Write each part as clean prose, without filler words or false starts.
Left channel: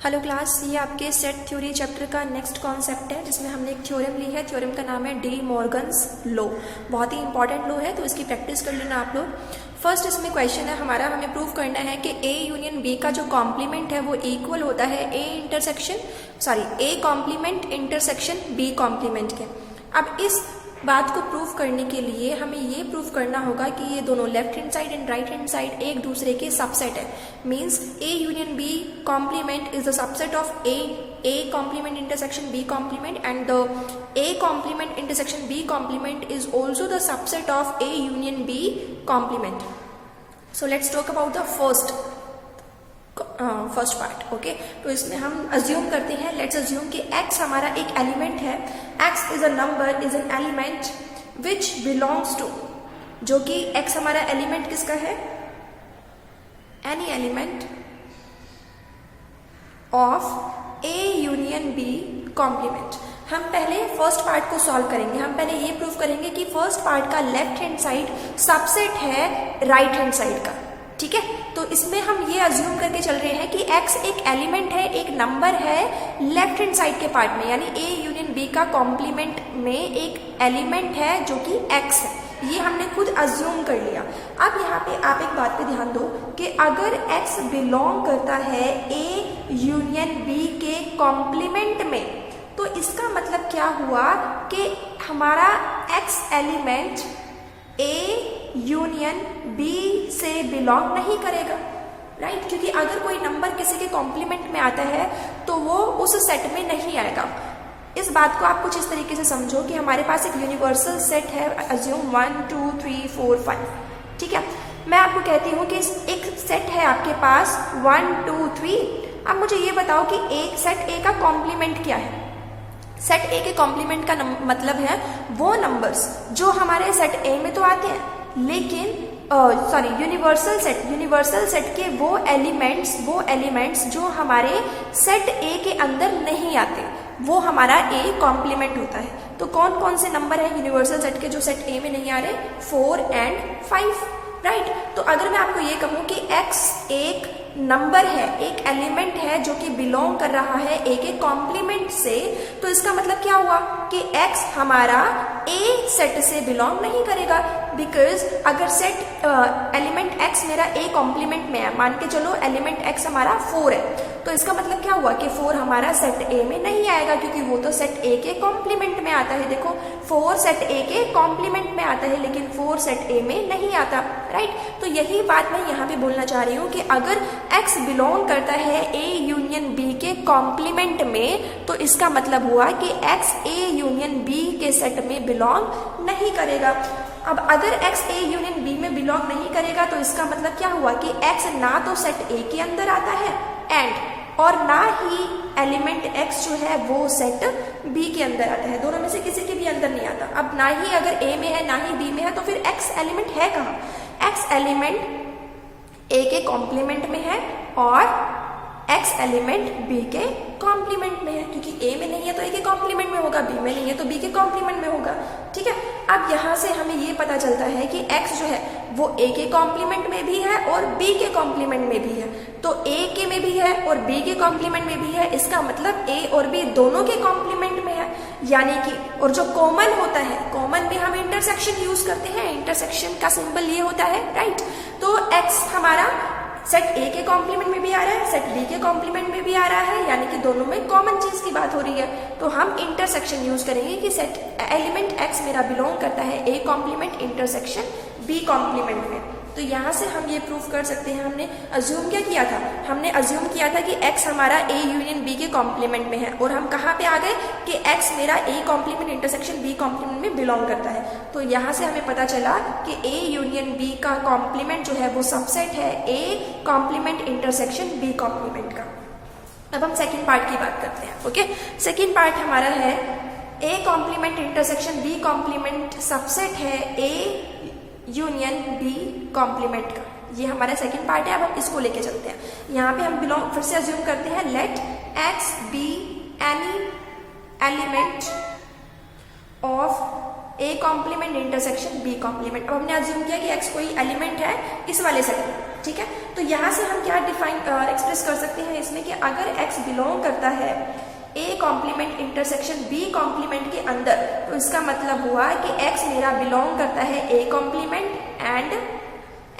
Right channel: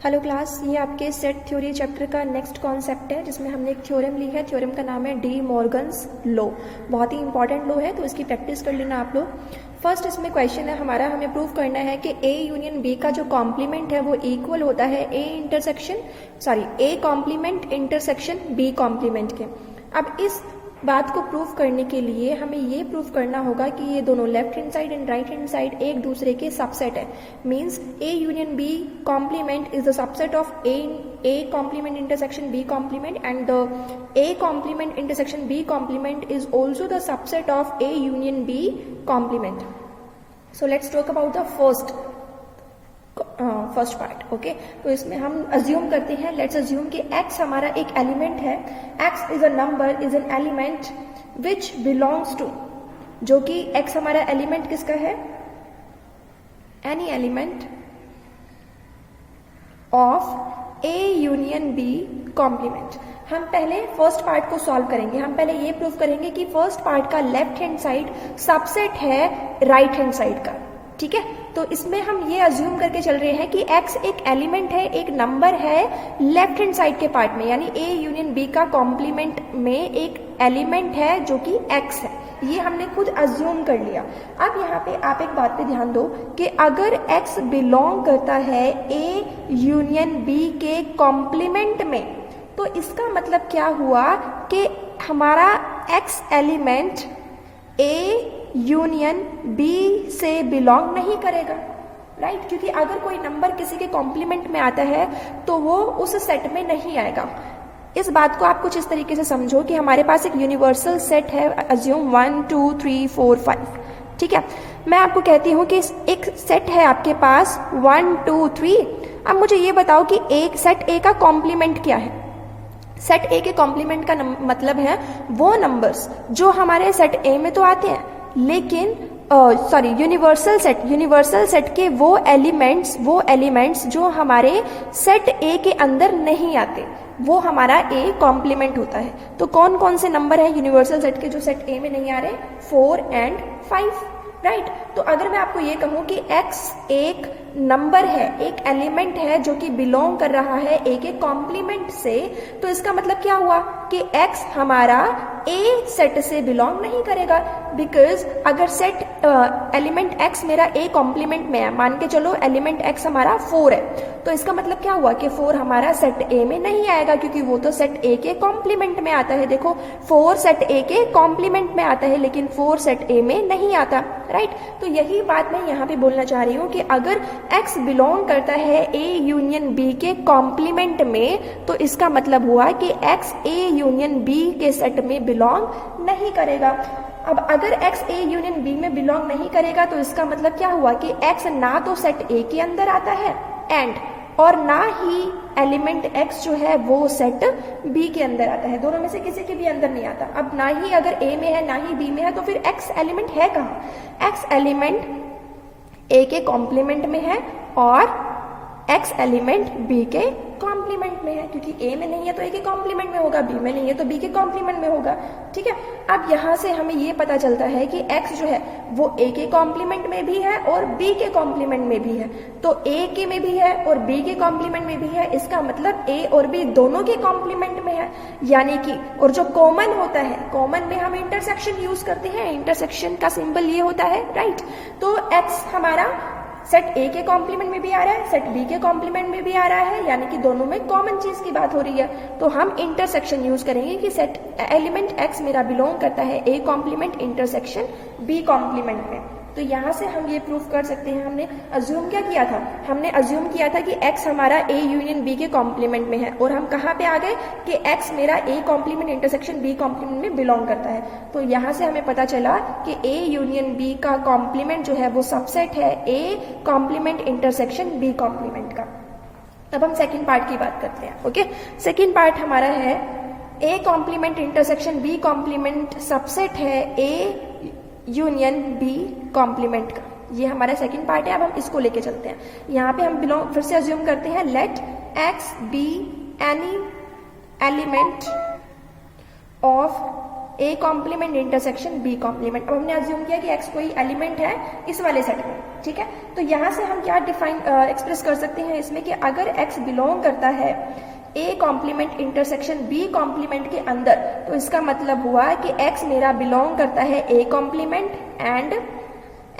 Hello class, ये आपके set theory chapter का नेक्स्ट कॉन्सेप्ट है जिसमें हमने एक थ्योरम ली है। थ्योरम का नाम है डी मॉर्गन्स लॉ। बहुत ही इंपॉर्टेंट लॉ है, तो इसकी प्रैक्टिस कर लेना आप लोग। फर्स्ट इसमें क्वेश्चन है हमारा, हमें प्रूव करना है कि ए यूनियन बी का जो कॉम्प्लीमेंट है वो इक्वल होता है A complement intersection B complement के। अब इस बात को प्रूव करने के लिए हमें ये प्रूव करना होगा कि ये दोनों left hand side and right hand side एक दूसरे के सबसेट है। Means A union B complement is the subset of A complement intersection B complement and the A complement intersection B complement is also the subset of A union B complement. So let's talk about the first part. Okay, तो इसमें हम assume करते हैं, let's assume कि x हमारा एक element है। x is a number, is an element which belongs to, जो कि x हमारा एलिमेंट किसका है, any element of A union B complement. हम पहले फर्स्ट पार्ट को सॉल्व करेंगे। हम पहले ये प्रूव करेंगे कि फर्स्ट पार्ट का लेफ्ट हैंड साइड सबसेट है राइट हैंड साइड का। ठीक है, तो इसमें हम ये अज्यूम करके चल रहे हैं कि x एक एलिमेंट है, एक नंबर है लेफ्ट हैंड साइड के पार्ट में, यानी a यूनियन b का कॉम्प्लीमेंट में एक एलिमेंट है जो कि x है। ये हमने खुद अज्यूम कर लिया। अब यहाँ पे आप एक बात पे ध्यान दो कि अगर x बिलोंग करता है a यूनियन b के कॉम्प्लीमेंट में, तो इसका मतलब क्या हुआ कि हमारा x element a union b से बिलोंग नहीं करेगा, राइट? क्योंकि अगर कोई नंबर किसी के कॉम्प्लीमेंट में आता है तो वो उस सेट में नहीं आएगा। इस बात को आप कुछ इस तरीके से समझो कि हमारे पास एक यूनिवर्सल सेट है, अज्यूम 1 2 3 4 5। ठीक है, मैं आपको कहती हूँ कि एक सेट है आपके पास 1 2 3। अब मुझे ये बताओ कि एक सेट ए का कॉम्प्लीमेंट क्या है। सेट ए के कॉम्प्लीमेंट का वो है वो नंबर्स जो हमारे सेट ए में तो आते हैं, लेकिन यूनिवर्सल सेट के वो एलिमेंट्स जो हमारे सेट ए के अंदर नहीं आते, वो हमारा ए कॉम्प्लीमेंट होता है। तो कौन कौन से नंबर है यूनिवर्सल सेट के जो सेट ए में नहीं आ रहे? 4 and 5, राइट? तो अगर मैं आपको ये कहूं कि x एक नंबर है, एक एलिमेंट है जो कि बिलोंग कर रहा है ए के कॉम्प्लीमेंट से, तो इसका मतलब क्या हुआ कि x हमारा ए सेट से बिलोंग नहीं करेगा। बिकॉज अगर सेट एलिमेंट x मेरा ए कॉम्प्लीमेंट में है, मान के चलो एलिमेंट x हमारा 4 है, तो इसका मतलब क्या हुआ कि 4 हमारा सेट ए में नहीं आएगा, क्योंकि वो तो सेट ए के कॉम्प्लीमेंट में आता है। देखो, 4 सेट ए के कॉम्प्लीमेंट में आता है, लेकिन 4 सेट ए में नहीं आता, राइट? तो यही बात मैं यहाँ पे बोलना चाह रही हूँ कि अगर x बिलोंग करता है a यूनियन b के कॉम्प्लीमेंट में, तो इसका मतलब हुआ कि x a यूनियन b के सेट में बिलोंग नहीं करेगा। अब अगर x a यूनियन b में बिलोंग नहीं करेगा, तो इसका मतलब क्या हुआ कि x ना तो सेट a के अंदर आता है और ना ही एलिमेंट x जो है वो सेट b के अंदर आता है। दोनों में से किसी के भी अंदर नहीं आता। अब ना ही अगर a में है ना ही b में है, तो फिर x एलिमेंट है कहाँ? x एलिमेंट a के कॉम्प्लीमेंट में है और x एलिमेंट b के कॉम्प्लीमेंट में है, क्योंकि a में नहीं है तो a के कॉम्प्लीमेंट में होगा, b में नहीं है तो b के कॉम्प्लीमेंट में होगा। ठीक है, अब यहाँ से हमें ये पता चलता है कि x जो है वो a के कॉम्प्लीमेंट में भी है और b के कॉम्प्लीमेंट में भी है। तो a के में भी है और b के कॉम्प्लीमेंट में भी है, इसका मतलब a और b दोनों के कॉम्प्लीमेंट में है। यानी कि और जो कॉमन होता है, कॉमन में हम इंटरसेक्शन यूज करते हैं, इंटरसेक्शन का सिंबल ये होता है, राइट? तो x हमारा सेट ए के कॉम्प्लीमेंट में भी आ रहा है, सेट बी के कॉम्प्लीमेंट में भी आ रहा है, यानी कि दोनों में कॉमन चीज की बात हो रही है। तो हम इंटरसेक्शन यूज करेंगे कि सेट एलिमेंट x मेरा बिलोंग करता है A complement intersection B complement में। तो यहाँ से हम ये प्रूफ कर सकते हैं। हमने अज्यूम क्या किया था? हमने अज्यूम किया था कि x हमारा a यूनियन b के कॉम्प्लीमेंट में है, और हम कहाँ पे आ गए कि x मेरा a complement intersection b complement में बिलोंग करता है। तो यहाँ से हमें पता चला कि a यूनियन b का कॉम्प्लीमेंट जो है वो सबसेट है a complement intersection b complement का। अब हम सेकेंड पार्ट की बात करते हैं। ओके, सेकेंड पार्ट हमारा है a complement intersection b complement subset है a यूनियन बी कॉम्प्लीमेंट का। ये हमारा सेकंड पार्ट है। अब हम इसको लेके चलते हैं। यहाँ पे हम बिलोंग फिर से अज्यूम करते हैं, let x be any element of A complement intersection B complement. अब हमने अज्यूम किया कि x कोई एलिमेंट है इस वाले सेट में, ठीक है? तो तो यहाँ से हम क्या डिफाइन एक्सप्रेस कर सकते हैं इसमें कि अगर x बिलोंग करता है A complement intersection B complement के अंदर, तो इसका मतलब हुआ कि x मेरा बिलोंग करता है A complement and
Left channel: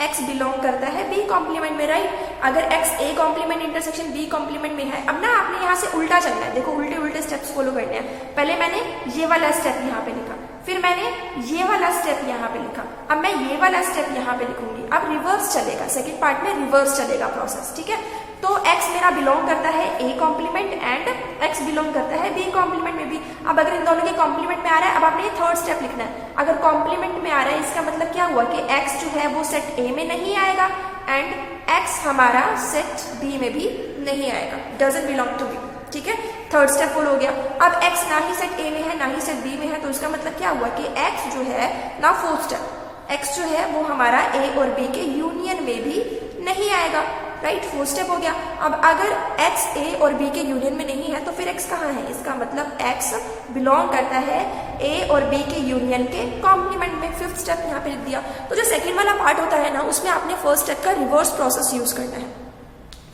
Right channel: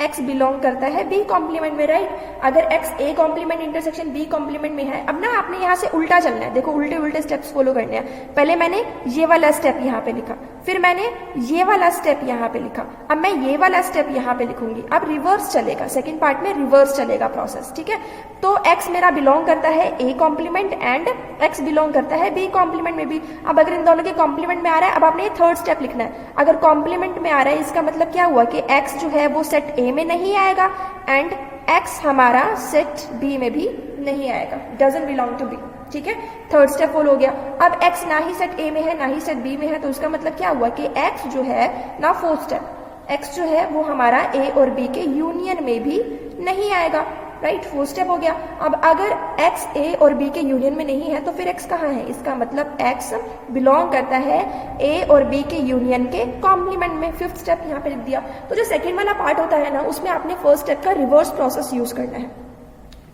x belong करता है B कॉम्प्लीमेंट में, राइट। अगर x A complement intersection B complement में है, अब ना आपने यहाँ से उल्टा चलना है, देखो उल्टे उल्टे स्टेप्स फॉलो करने हैं। पहले मैंने ये वाला स्टेप यहाँ पे लिखा, फिर मैंने ये वाला स्टेप यहाँ पे लिखा, अब मैं ये वाला स्टेप यहाँ पे लिखूंगी। अब रिवर्स चलेगा, सेकेंड पार्ट में रिवर्स चलेगा प्रोसेस, ठीक है। तो x मेरा बिलोंग करता है A complement and x belong करता है B कॉम्प्लीमेंट में भी। अब अगर इन दोनों के कॉम्प्लीमेंट में आ रहा है, अब आपने ये थर्ड स्टेप लिखना है। अगर कॉम्प्लीमेंट में आ रहा है, इसका मतलब क्या हुआ कि x जो है वो सेट A में नहीं आएगा एंड x हमारा सेट B में भी नहीं आएगा, डजंट बिलोंग टू B, ठीक है। थर्ड स्टेप फॉलो हो गया। अब x ना ही सेट A में है ना ही सेट B में है, तो इसका मतलब क्या हुआ कि x जो है ना, फोर्थ स्टेप, x जो है वो हमारा A और B के यूनियन में भी नहीं आएगा, राइट। फोर्थ स्टेप हो गया। अब अगर x A और B के यूनियन में नहीं है तो फिर x कहाँ है, इसका मतलब x बिलोंग करता है A और B के यूनियन के कॉम्प्लीमेंट में। फिफ्थ स्टेप यहाँ पे लिख दिया। तो जो सेकेंड वाला पार्ट होता है ना, उसमें आपने फर्स्ट स्टेप का रिवर्स प्रोसेस यूज करना है।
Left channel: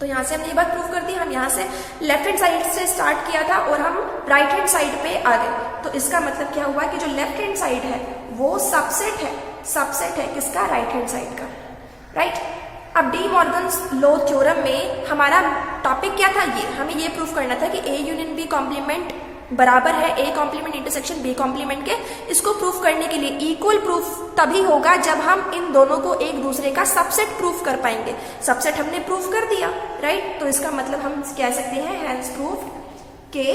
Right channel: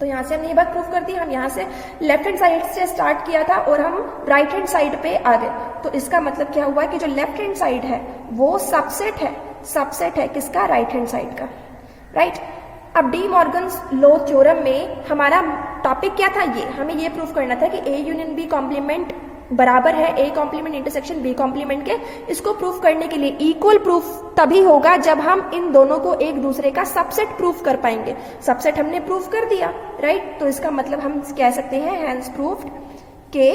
तो यहाँ से हमने ये बात प्रूव कर दी, हम यहाँ से लेफ्ट हैंड साइड से स्टार्ट किया था और हम राइट हैंड साइड पे आ गए। तो इसका मतलब क्या हुआ कि जो लेफ्ट हैंड साइड है वो सबसेट है किसका, राइट हैंड साइड का, राइट। अब डी मॉर्गन्स लॉ थ्योरम में हमारा टॉपिक क्या था, ये हमें ये प्रूफ करना था कि A यूनियन B कॉम्प्लीमेंट बराबर है A complement intersection B complement के। इसको प्रूफ करने के लिए इक्वल प्रूफ तभी होगा जब हम इन दोनों को एक दूसरे का सबसेट प्रूफ कर पाएंगे। सबसेट हमने प्रूफ कर दिया, राइट। तो इसका मतलब हम कह सकते हैं हैंस प्रूफ्ड कि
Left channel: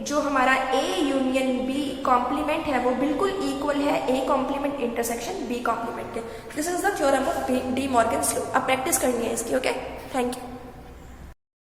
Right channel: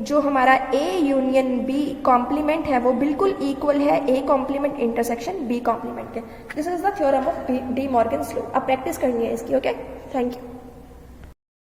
जो हमारा A यूनियन B कॉम्प्लीमेंट है वो बिल्कुल इक्वल है A complement intersection B complement के। This is the theorem of De Morgan's law. अब प्रैक्टिस करनी है इसकी, ओके। Thank you.